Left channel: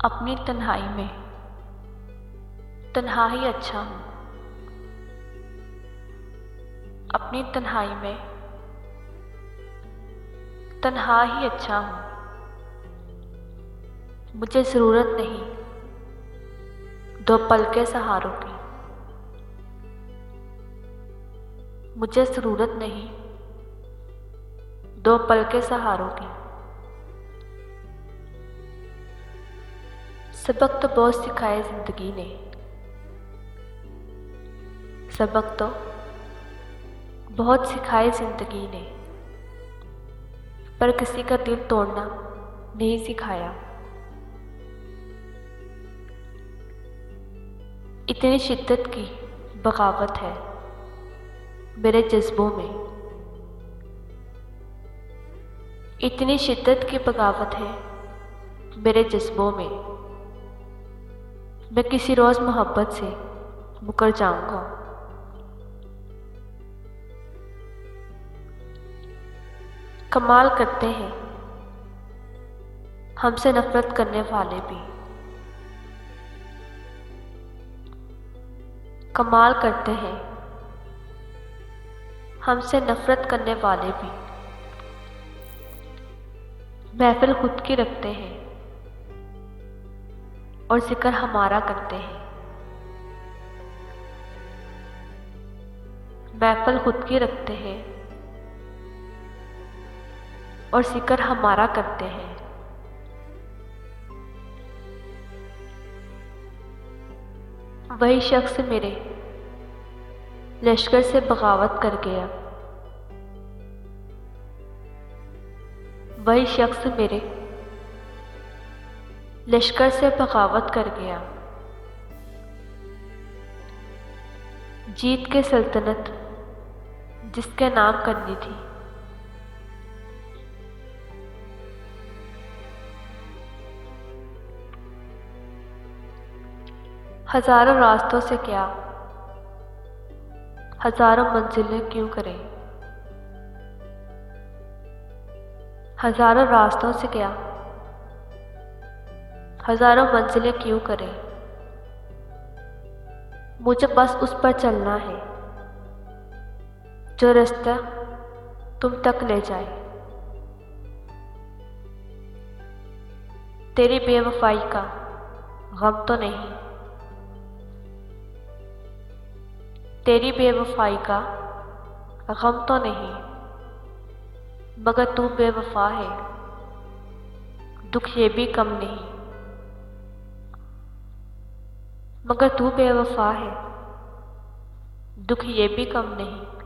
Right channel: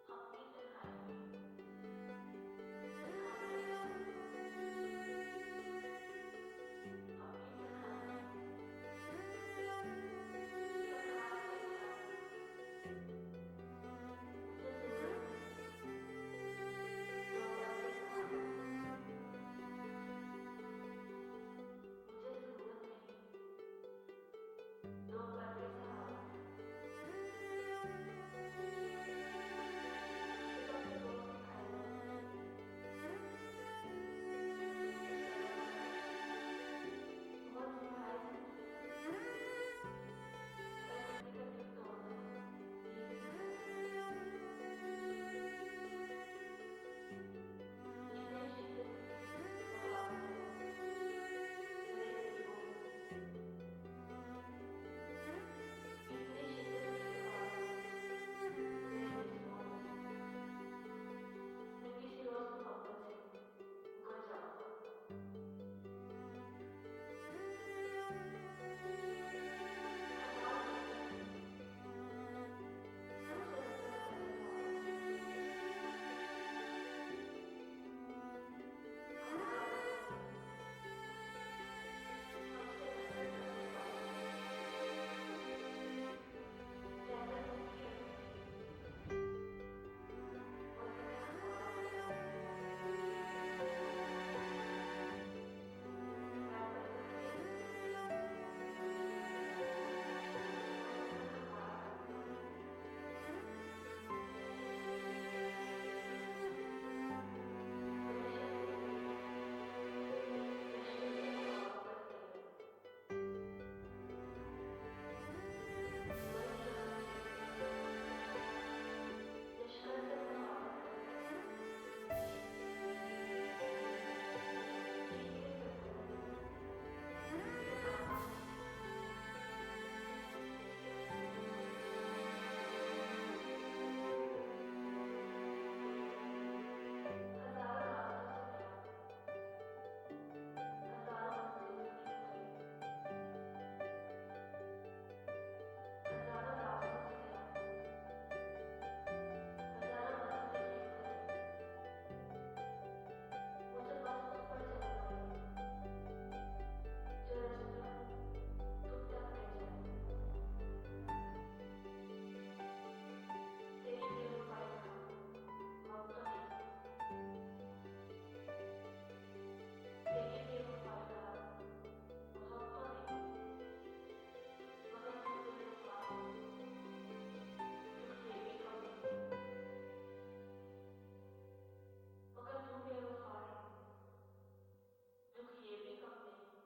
अपनी तन्हाई में तन्हा ही अच्छा हूँ। अपनी तन्हाई में तन्हा ही अच्छा हूँ। मुझे ज़रूरत नहीं दो पल के सहारों की। मुझे ज़रूरत नहीं दो पल के सहारों की। सबक तो बहुत सिखाए ज़िंदगी ने, सबक तो बहुत सिखाए ज़िंदगी ने, पर किसी का दिल तोड़ना नहीं सिखाया। इतनी शिद्दत की बगावत है मेरे जज्बों में, इतनी शिद्दत की बगावत है मेरे जज्बों में। मैं किसी रोज़ मोहब्बत से मुकर जाऊंगा। कमाल करते हैं हमसे नफरत करने वाले भी, कमाल करते हैं हमसे नफरत करने वाले भी। महफिल खुद की रखते हैं और जिक्र हमारा करते हैं। महफिल खुद की रखते हैं और जिक्र हमारा करते हैं। वही शख्स मेरे लश्कर से बगावत कर गया, वही शख्स मेरे लश्कर से बगावत कर गया। जीत के सल्तनत जिसके नाम करनी थी, हजारों रास्तों से क्या हजारों मंजिलें क्यों करें। हजारों रास्तों से क्या हजारों मंजिलें क्यों करें। मुझे बस उस पर चलना है जो रास्ता तुम तक ले जाए। तेरी बेवफाई का गम तो नहीं, तेरी बेवफाई का गम तो नहीं, मगर तू बेवफा है दुख ये भी कम नहीं। मगर तू बेवफा है दुख ये भी कम नहीं।